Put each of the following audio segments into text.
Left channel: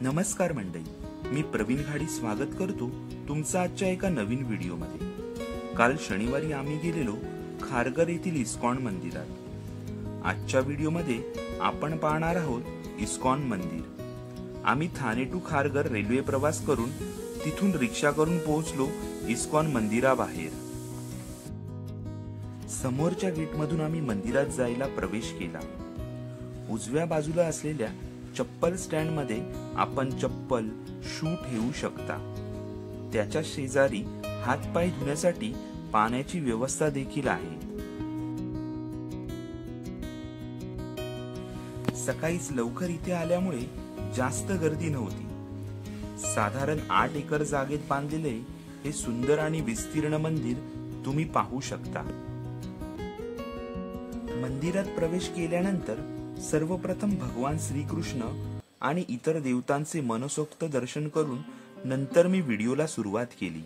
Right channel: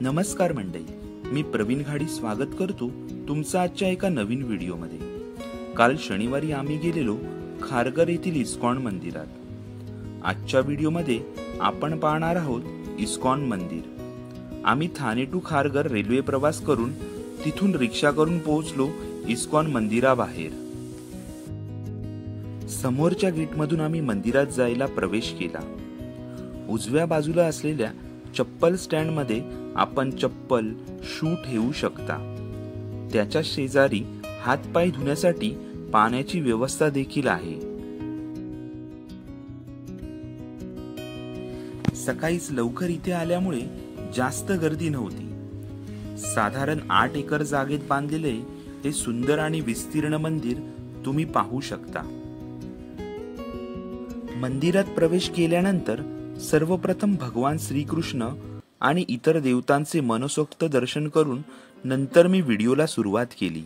नमस्कार मंडळी, मी प्रवीण घाडी स्वागत करतो तुमचं आजच्या एका नवीन व्हिडिओमध्ये। काल शनिवारी आम्ही गेलेलो खारघर येथील इस्कॉन मंदिरात। आजच्या व्हिडिओमध्ये आपण पाहणार आहोत इस्कॉन मंदिर। आम्ही ठाणे टू खारघर रेल्वे प्रवास करून तिथून रिक्षा करून पोहोचलो इस्कॉन मंदिराबाहेर। समोरच्या गेटमधून आम्ही मंदिरात जायला प्रवेश केला। उजव्या बाजूला असलेल्या चप्पल स्टँड मध्ये आपण चप्पल, शू ठेवू शकता। त्याच्या शेजारी हात पाय धुण्यासाठी पाण्याची व्यवस्था देखील आहे। सकाळीच लवकर इथे आल्यामुळे जास्त गर्दी नव्हती। साधारण 8 एकर जागेत बांधलेले हे सुंदर आणि विस्तीर्ण मंदिर तुम्ही पाहू शकता। मंदिरात प्रवेश केल्यानंतर सर्वप्रथम भगवान श्रीकृष्ण आणि इतर देवतांचे मनसोक्त दर्शन करून नंतर मी व्हिडिओला सुरुवात केली।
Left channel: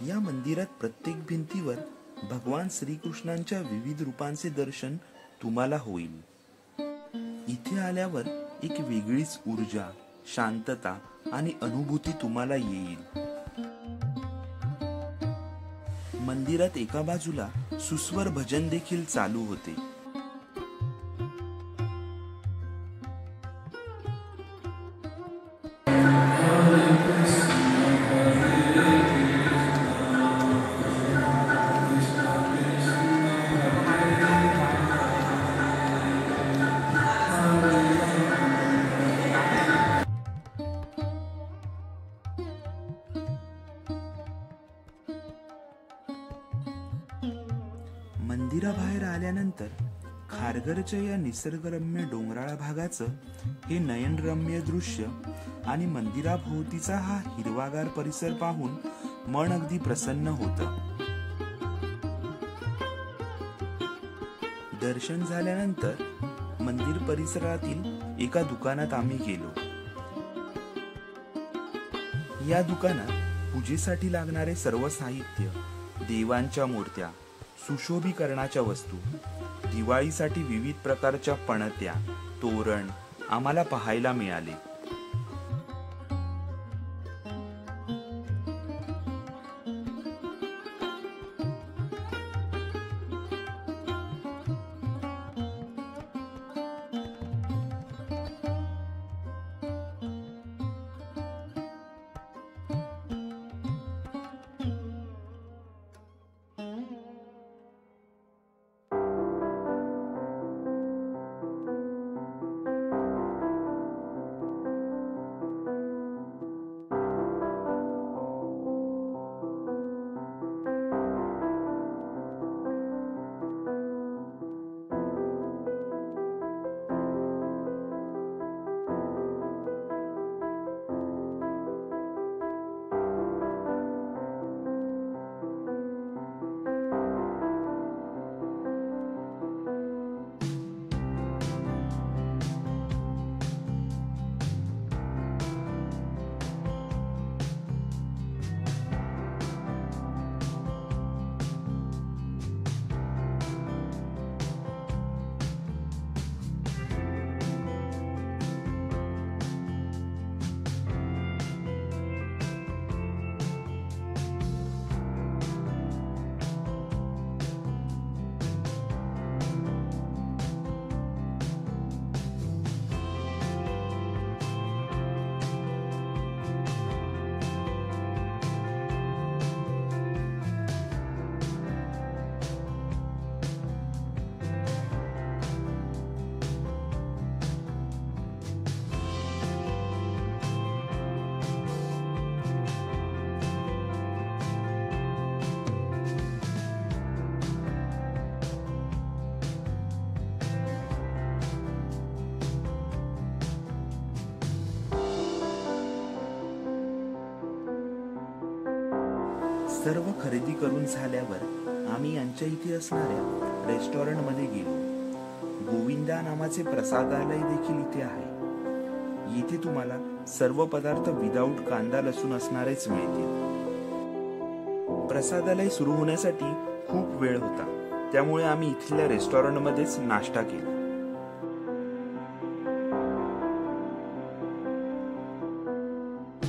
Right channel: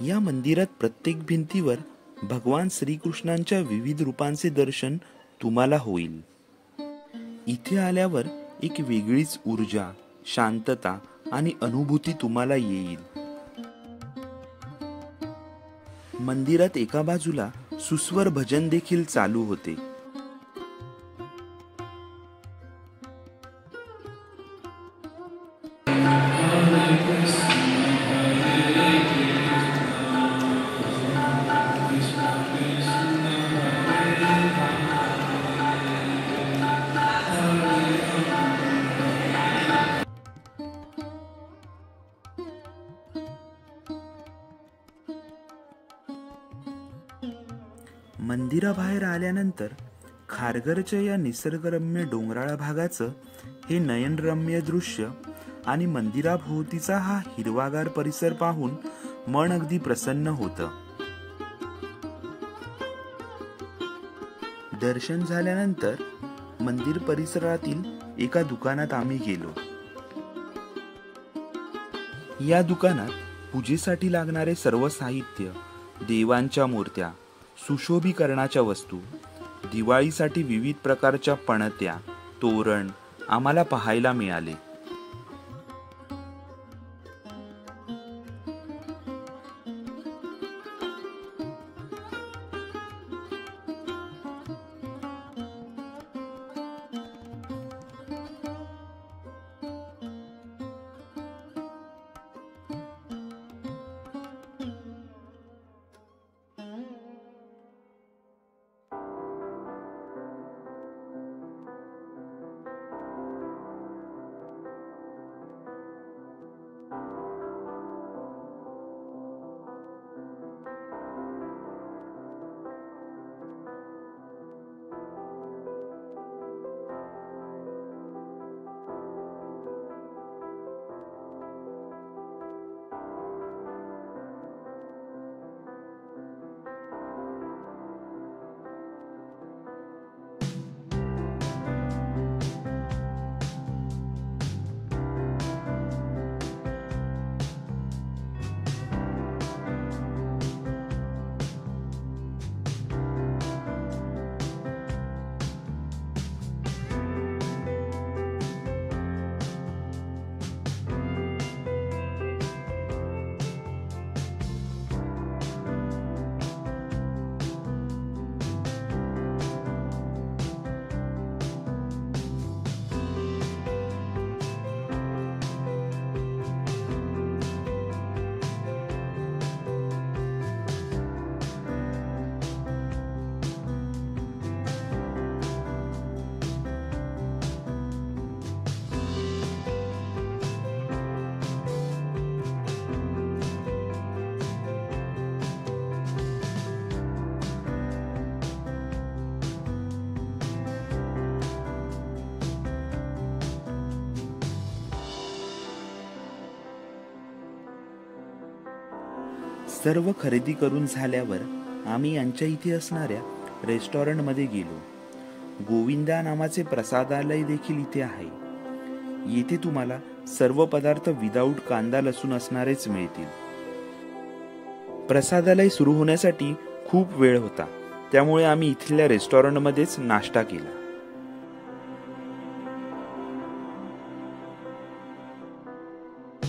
या मंदिरात प्रत्येक भिंतीवर भगवान श्रीकृष्णांच्या विविध रूपांचे दर्शन तुम्हाला होईल। इथे आल्यावर एक वेगळीच ऊर्जा, शांतता आणि अनुभूती तुम्हाला येईल। मंदिरात एका बाजूला सुस्वर भजन देखील चालू होते। मंदिराबाहेर आल्यानंतर खारघरच्या या निसर्गरम्य डोंगराळ भागाचं हे नयनरम्य दृश्य आणि मंदिराभोवतीचा हा हिरवागार परिसर पाहून मन अगदी प्रसन्न होतं। दर्शन झाल्यानंतर मंदिर परिसरातील एका दुकानात आम्ही गेलो। या दुकानात पूजेसाठी लागणारे सर्व साहित्य, देवांच्या मूर्त्या, सुशोभीकरणाच्या वस्तू, दिवाळीसाठी विविध प्रकारच्या पणत्या, तोरण आम्हाला पाहायला मिळाले। सर्व खरेदी करून झाल्यावर आम्ही यांच्या इथे असणाऱ्या रेस्टॉरंटमध्ये गेलो. गोविंदा नावाचे प्रसादालय देखील इथे आहे. येथे तुम्हाला सर्व पदार्थ विदाऊट कांदा लसूण असणारेच मिळतील. प्रसादालय सुरू होण्यासाठी खूप वेळ होता, त्यामुळे आम्ही इथल्या रेस्टॉरंटमध्येच नाश्ता केला.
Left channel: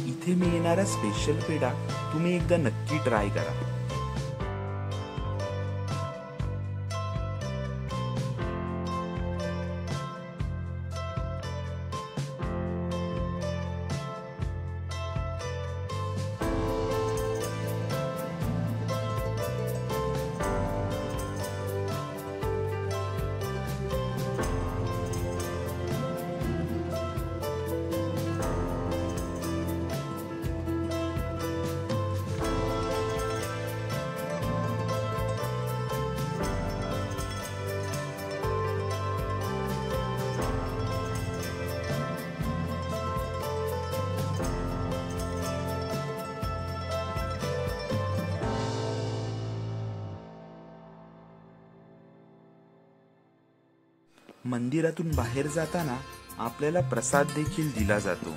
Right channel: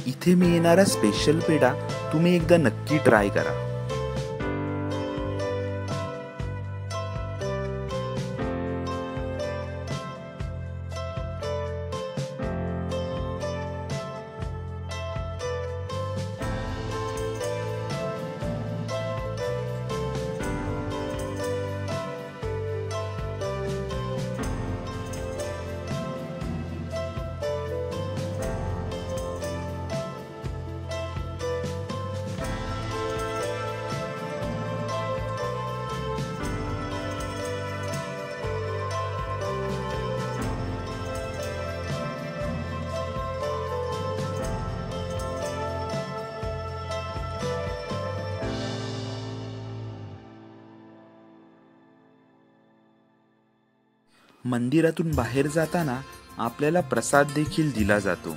इथे मिळणारा स्पेशल पेढा तुम्ही एकदा नक्की ट्राय करा. मंदिरातून बाहेर जाताना आपल्याला प्रसाद देखील दिला जातो.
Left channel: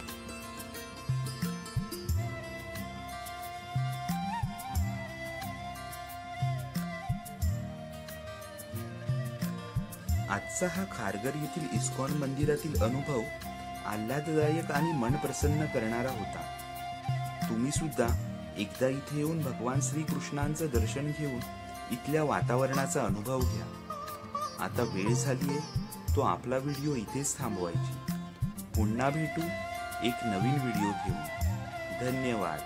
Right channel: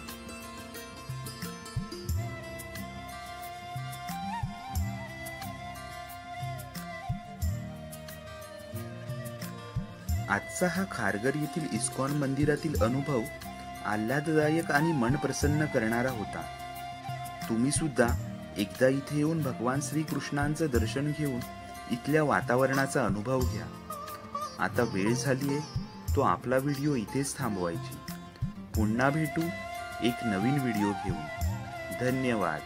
आजचा हा खारघर येथील इस्कॉन मंदिरातील अनुभव आल्हाददायक आणि मन प्रसन्न करणारा होता. तुम्ही सुद्धा एकदा इथे येऊन भगवान श्रीकृष्णांचं दर्शन घेऊन इथल्या वातावरणाचा अनुभव घ्या. आता वेळ झालीये तो आपला व्हिडिओ इथेच थांबवायची. पुन्हा भेटू एक नवीन व्हिडिओ घेऊन. धन्यवाद.